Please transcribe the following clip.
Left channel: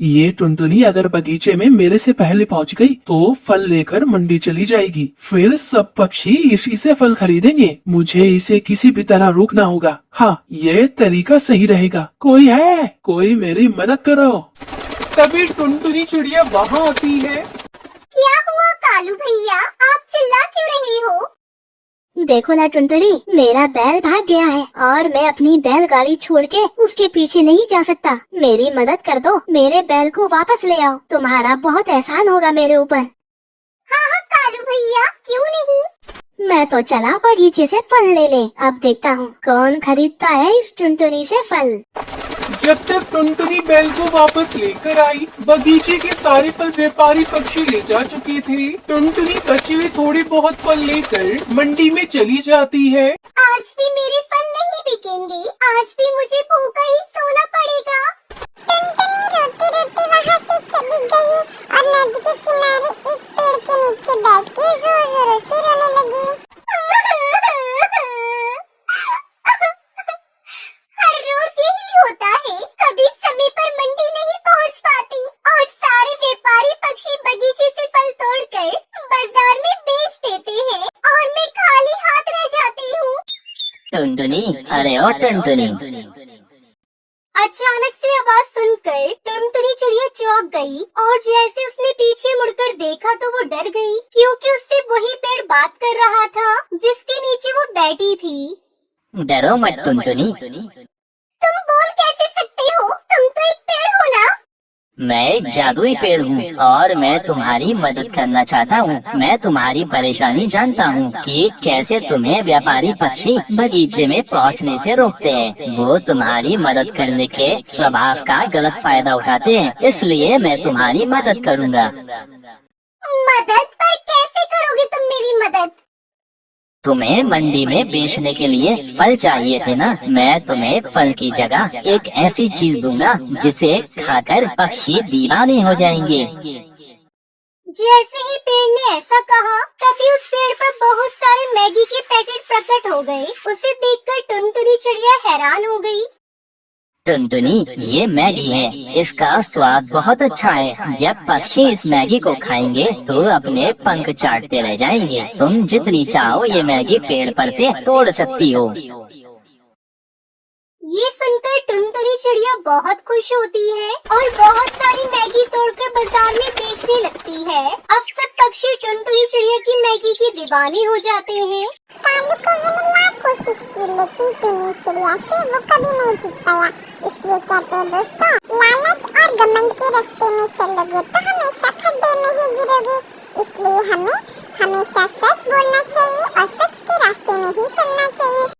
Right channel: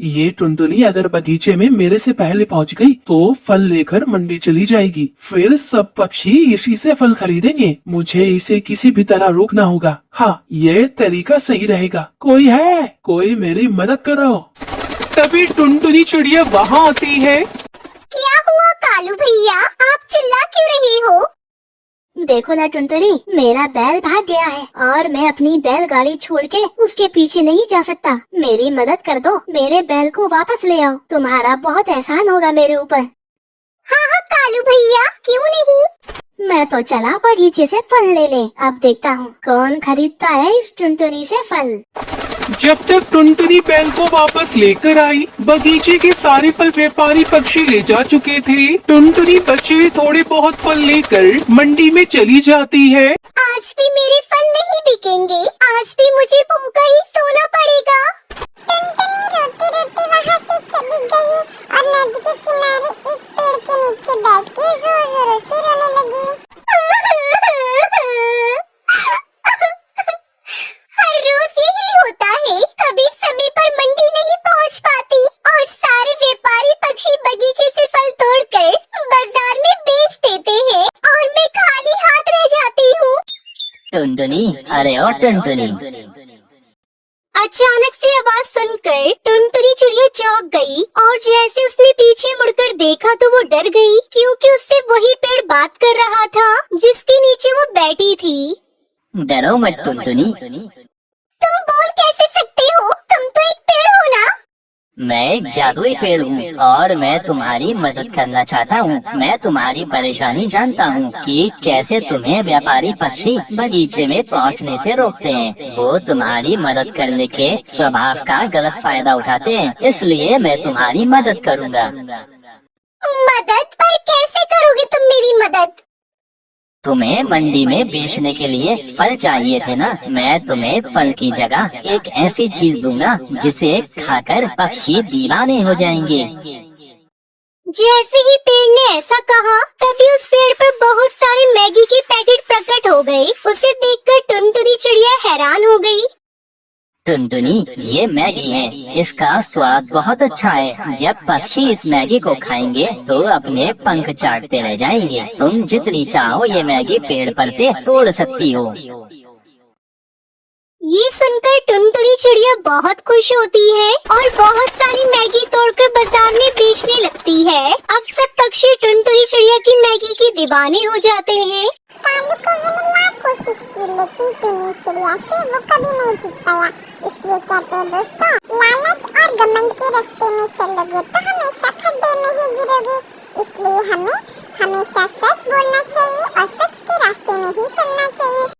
ये टुनटुनी अगर बगीचे में मेरे से पहले पहुंच गई तो फल लेकर मंडी चली जाएगी। फिर सब पक्षी इसी से फल खरीदेंगे। मुझे इसे किसी भी तरह रोकना होगा। हाँ, ये तरीका सही रहेगा। कोई है? कोई मेरी मदद करो। तभी टुनटुनी चिड़िया वहाँ आती है। क्या हुआ कालू भैया, आप चिल्ला क्यों रही हो? देखो ना टुनटुनी, मेरा बैल भाग गया है और मैं अपनी बैलगाड़ी छोड़ के उसके पीछे नहीं जा सकता। मेरी मदद कर दो, मेरे बैल को वापस ले आओ। तुम्हारा बहुत एहसान होगा मेरे ऊपर। हाँ हाँ कालू भैया, क्यों नहीं। मैं तो चला बगीचे से फल लेने। अब देखता हूँ कौन खरीदता है इस टुनटुनी से फल। जब तक टुनटुनी बैल को वापस लेकर आई, बगीचे के सारे फल व्यापारी पक्षी ले जा चुके थे। टुनटुनी बचे हुए थोड़े बहुत फल लेकर मंडी में चली जाती है। आज भी मेरे फल नहीं बिकेंगे, आज भी मुझे भूखा ही सोना पड़ेगा। टुनटुनी रोती रोती वहाँ से चली गई और नदी के किनारे एक पेड़ के नीचे बैठ के जोर जोरों से रोने लगी। हर रोज यही होता है, कभी समय पर मंडी नहीं पहुँच पाती और सारे व्यापारी पक्षी बगीचे से फल तोड़कर बाजार में बेच देते हैं और मैं खाली हाथ रह जाती हूँ। टुनटुनी, अरे ओ टुनटुनी। अचानक से आवाज सुनकर टुनटुनी चिड़िया चौंक गई और जैसे उसने पीछे मुड़कर देखा तो वो डर गई, क्योंकि उससे वही पेड़ बात कर रहा था जिसके नीचे वो बैठी थी। डरो मत टुनटुनी। तुम बोल कैसे सकते हो? तुम तो एक पेड़ हो ना। मैं एक जादुई पेड़ हूँ और मैं तुम्हारी मदद करना चाहता हूँ। मैं तुम्हारी परेशानी जानता हूँ कि कैसे तुम्हें व्यापारी पक्षी बगीचे में पहुँचने से रोकते हैं। वो तुम्हारी मदद करने के स्वभाव का गलत फायदा उठाते हैं, इसलिए मैं तुम्हारी मदद करूँगा। मदद? पर कैसे करोगे तुम मेरी मदद? तुम्हें मंडी में बेचने के लिए फल चाहिए थे ना? मैं तुम्हें फल की जगह एक ऐसी चीज दूंगा जिसे खाकर पक्षी दीवाने हो जाएंगे। जैसे ही पेड़ ने ऐसा कहा, तभी उस पेड़ पर बहुत सारे मैगी के पैकेट प्रकट हो गए। उसे देखकर टुनटुनी चिड़िया हैरान हो गई। टुनटुनी, ये मैगी है, इसका स्वाद बहुत अच्छा है। जब पक्षी इस मैगी को खाएंगे तो अपने पंख चाटते रह जाएंगे। तुम जितनी चाहो ये मैगी पेड़ पर से तोड़ सकती हो। ये सुनकर टुनटुनी चिड़िया बहुत खुश होती है और बहुत सारी मैगी तोड़कर बाजार में बेचने लगती है। अब सब पक्षी टुनटुनी चिड़िया की मैगी के दीवाने हो जाते हैं। कालू कौवे ने लाख कोशिश की, लेकिन टुनी चिड़िया से वो कभी नहीं जीत पाया। इसलिए कहते हैं दोस्तों, लालच और घमंड के रास्ते में चलोगे तो हमेशा खड्डे में ही गिरोगे। इसलिए हमें हमेशा सच बोलना चाहिए और सच के रास्ते में ही चलना चाहिए।